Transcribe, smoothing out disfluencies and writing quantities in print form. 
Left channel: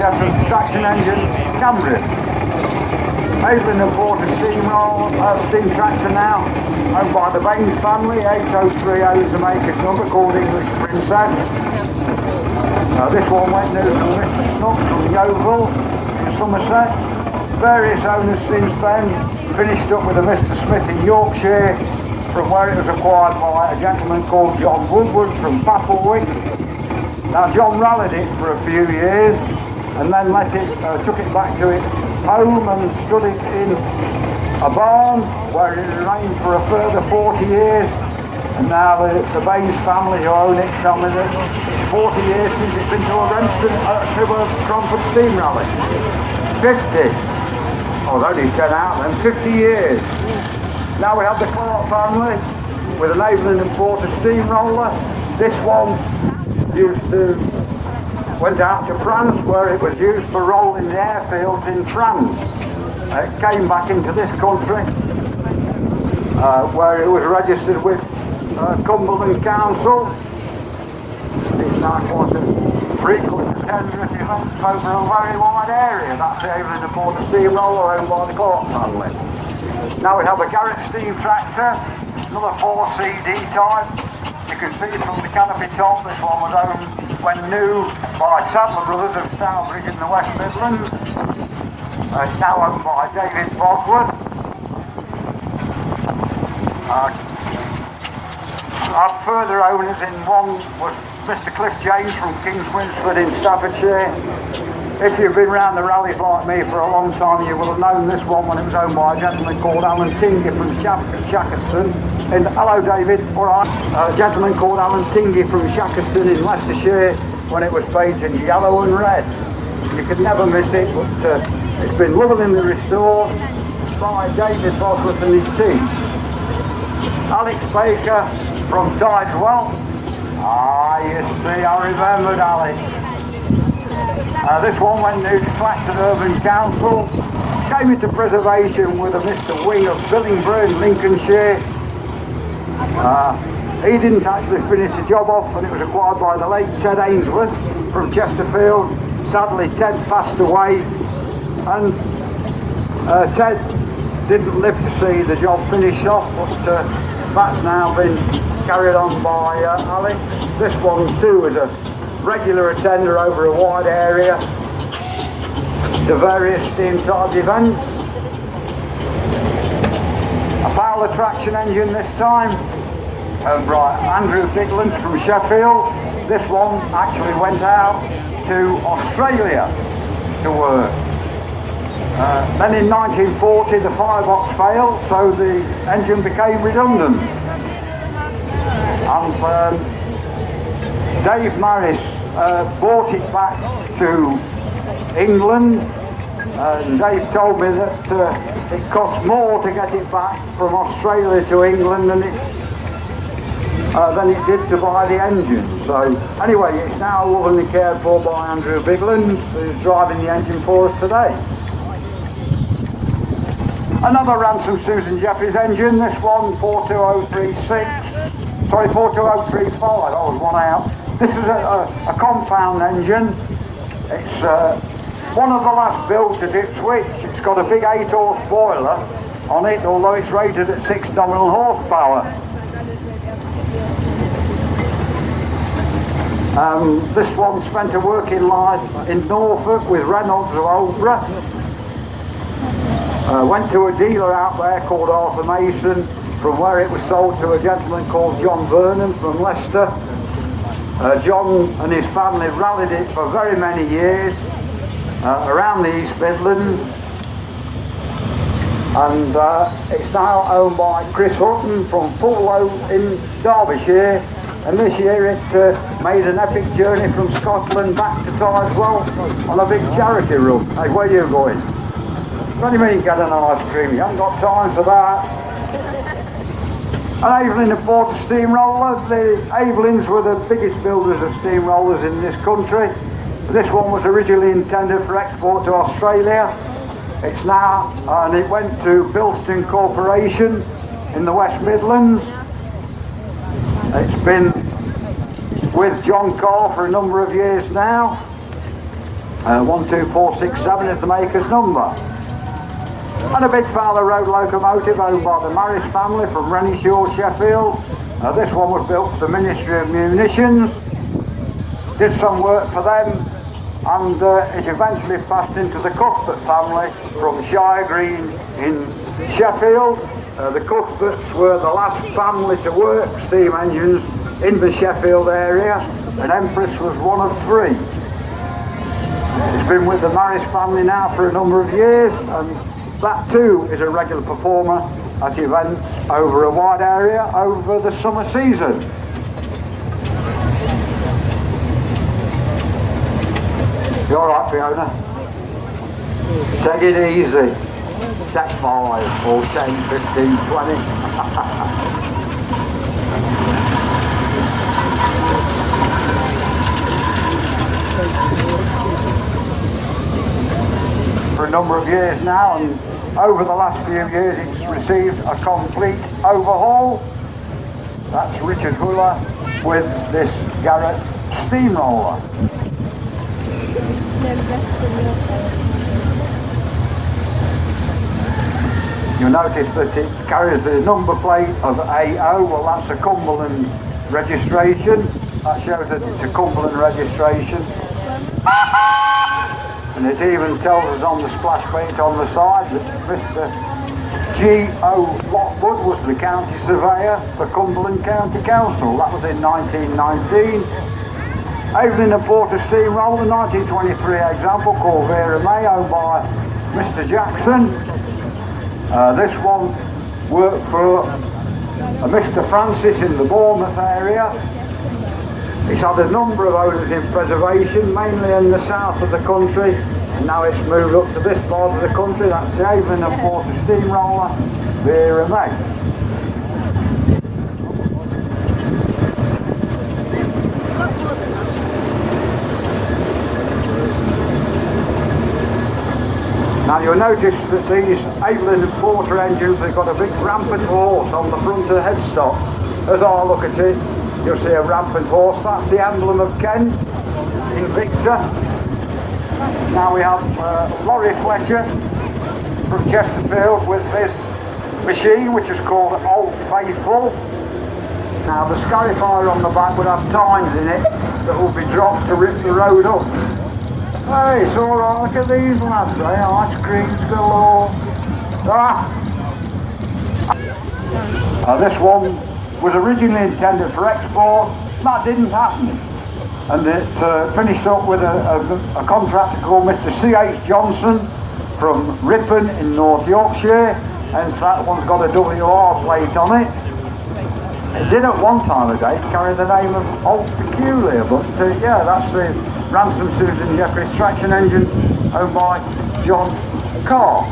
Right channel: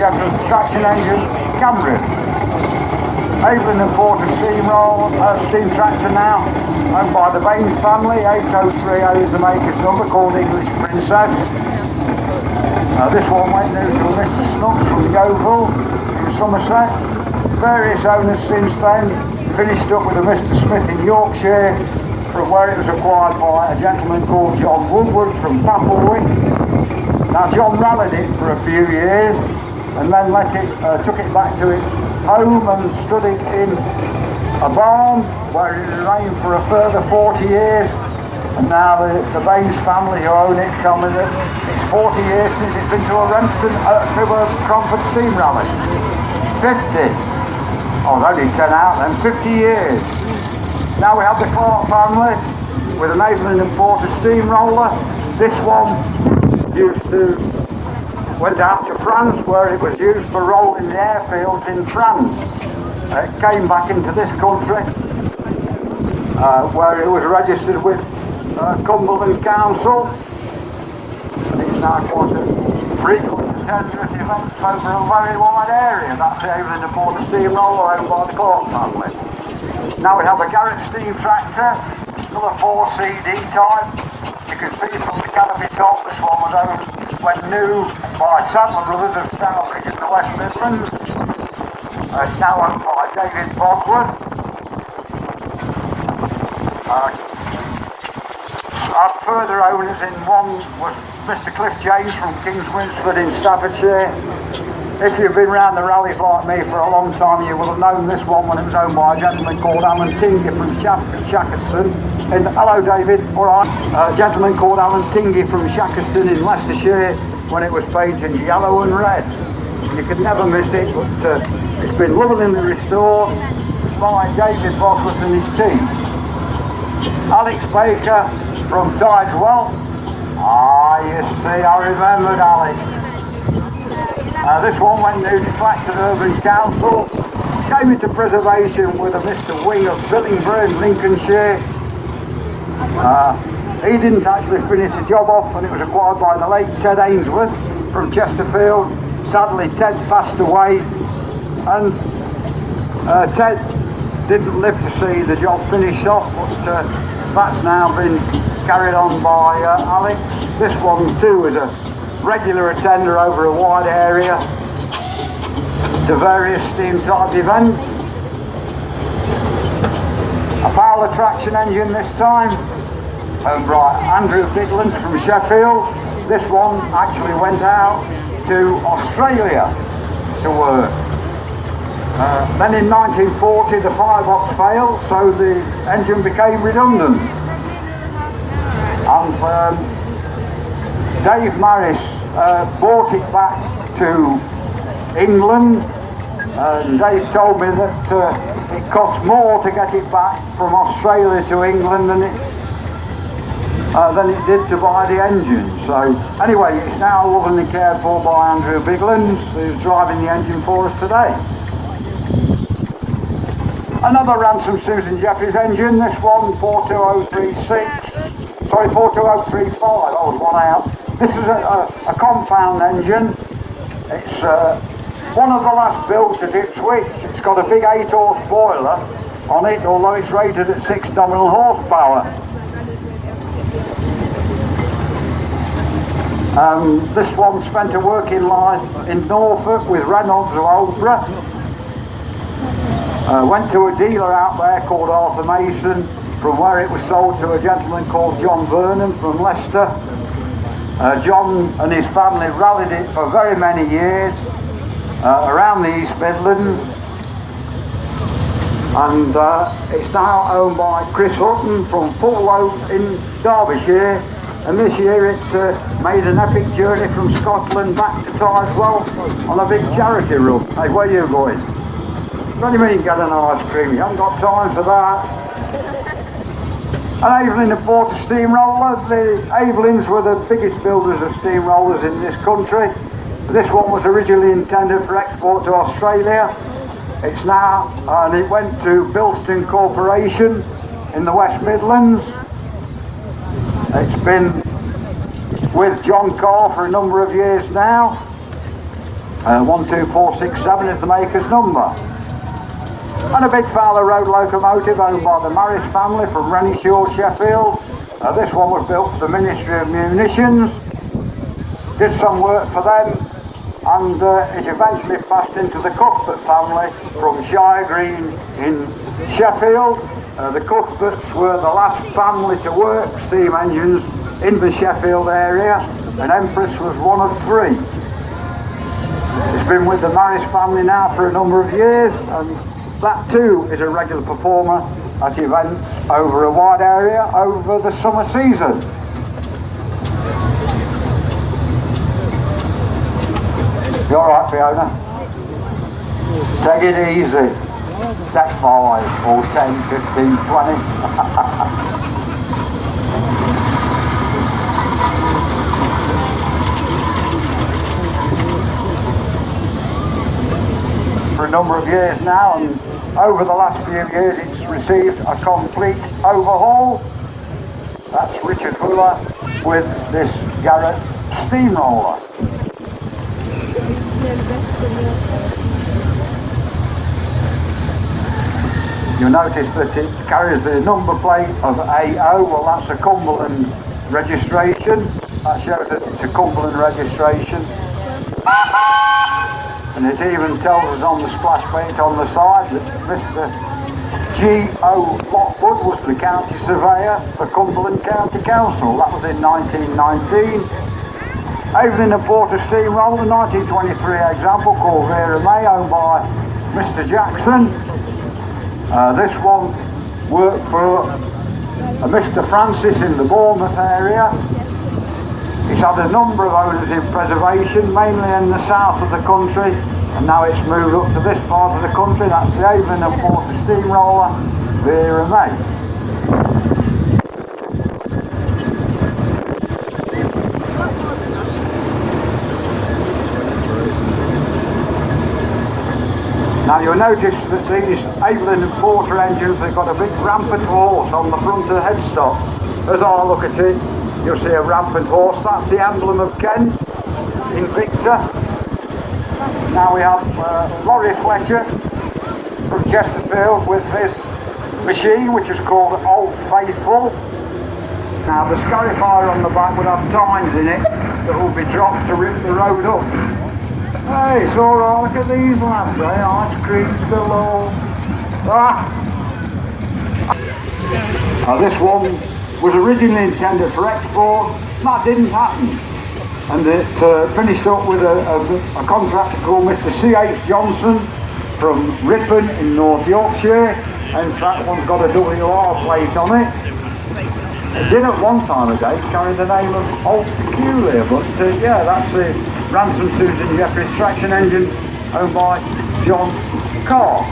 Chevron traction engine Cambridge. Evelyn and Porter steam tractor now, owned by the Baines family. 803A is the maker's number, called English Princess. Now this one went new to Mr. Snook from Yeovil in Somerset. Various owners since then, finished up with a Mr. Smith in Yorkshire, from where it was acquired by a gentleman called John Woodward from Papelwick. Now John rallied it for a few years and then took it back to its home and stood it in a barn where it remained for a further 40 years. And now the Baines family who own it tell me that it's 40 years since it's been to a Cromford steam rally. 50. Oh, only 10 out and 50 years. Now we have the Clark family with an Evelyn and Porter steamroller. This one went out to France where it was used for rolling the airfields in France. It came back into this country where it was registered with Cumberland Council. It's now quite a frequent attender at events over a very wide area. That's the Evelyn and Porter steamroller owned by the Clark family. Now we have a Garrett steam tractor, another 4CD type. You can see from the canopy top, this one was owned when new by Sadler Brothers of Stourbridge in the West Midlands. It's now owned by David Bosworth. Our further owners in one was Mr. Cliff James from Kings Winsford in Staffordshire. If you've been round the rallies like me for a long time, you will have known this one when it was owned by a gentleman called Alan Tingey from Shackerston. Hello David, alright. A gentleman called Alan Tingey from Shackerston in Leicestershire when it was painted yellow and red. You could never miss it, but it's been lovingly restored by David Bosworth and his team. Alex Baker from Tideswell. You see, I remembered Alex. This one went new to Clacton Urban Council, came into preservation with a Mr. Wing of Billingburn, Lincolnshire. He didn't actually finish the job off and it was acquired by the late Ted Ainsworth from Chesterfield. Sadly Ted passed away and Ted didn't live to see the job finished off, but that's now been carried on by Alex. This one too is a regular attender over a wide area to various steam type events. A Fowler traction engine this time, owned by Andrew Bigland from Sheffield. This one actually went out to Australia to work. Then in 1940 the firebox failed, so the engine became redundant. And Dave Maris brought it back to England. Dave told me that it cost more to get it back from Australia to England than it did to buy the engine. So anyway, it's now lovingly cared for by Andrew Bigland, who's driving the engine for us today. Another Ransom Susan Jeffries engine, this one 42036, sorry 42035, I was one out. This is a compound engine. It's one of the last built to do Twix. It's got a big 8-horse boiler on it, although it's rated at 6 nominal horsepower. This one spent a working life in Norfolk with Reynolds of Aldborough. Went to a dealer out there called Arthur Mason, from where it was sold to a gentleman called John Vernon from Leicester. John and his family rallied it for very many years around the East Midlands, and it's now owned by Chris Hutton from Fullow in Derbyshire, and this year it made an epic journey from Scotland back to Tideswell on a big charity run. Hey, where are you going? What do you mean get an ice cream? You haven't got time for that. An Evelyn and Porter steamroller. The Evelyns were the biggest builders of steamrollers in this country. This one was originally intended for export to Australia. It's now, and it went to Bilston Corporation in the West Midlands. It's been with John Carr for a number of years now. 12467 is the maker's number. And a big Fowler Road locomotive owned by the Maris family from Rennishaw, Sheffield. This one was built for the Ministry of Munitions. Did some work for them, and it eventually passed into the Cuthbert family from Shire Green in Sheffield. The Cuthberts were the last family to work steam engines in the Sheffield area, and Empress was one of three. It's been with the Maris family now for a number of years, and that too is a regular performer at events over a wide area over the summer season. You alright, Fiona? Take it easy. Set 5 or 10, 15, 20. For a number of years now, and over the last few years it's received a complete overhaul. That's Richard Huller with this Garrett Steamroller. You'll notice that it carries the number plate of AO, well that's a Cumberland registration. That shows that it's a Cumberland registration. And it even tells us on the splash plate on the side that Mr. G.O. Lockwood was the county surveyor for Cumberland County Council. That was in 1919. Avon and Porter Steamroller, 1923 example called Vera May, owned by Mr. Jackson. This one worked for Mr. Francis in the Bournemouth area. It's had a number of owners in preservation, mainly in the south of the country, and now it's moved up to this part of the country. That's the Avon and Porter Steamroller, Vera May. Now you'll notice that these Avon and Porter engines have got a big rampant horse on the front of the headstock. As I look at it, you'll see a rampant horse. That's the emblem of Kent in Victor. Now we have Laurie Fletcher from Chesterfield with his machine, which is called Old Faithful. Now the Scarifier on the back would have tines in it that will be dropped to rip the road up. Hey, it's alright, look at these lads, eh? Ice cream galore. This one was originally intended for export. That didn't happen. And it finished up with a contractor called Mr. C.H. Johnson from Ripon in North Yorkshire. Hence that one's got a WR plate on it. It did at one time a day carry the name of Old Peculiar, but yeah, that's the Ransom Susan Jeffries traction engine owned by John Carr.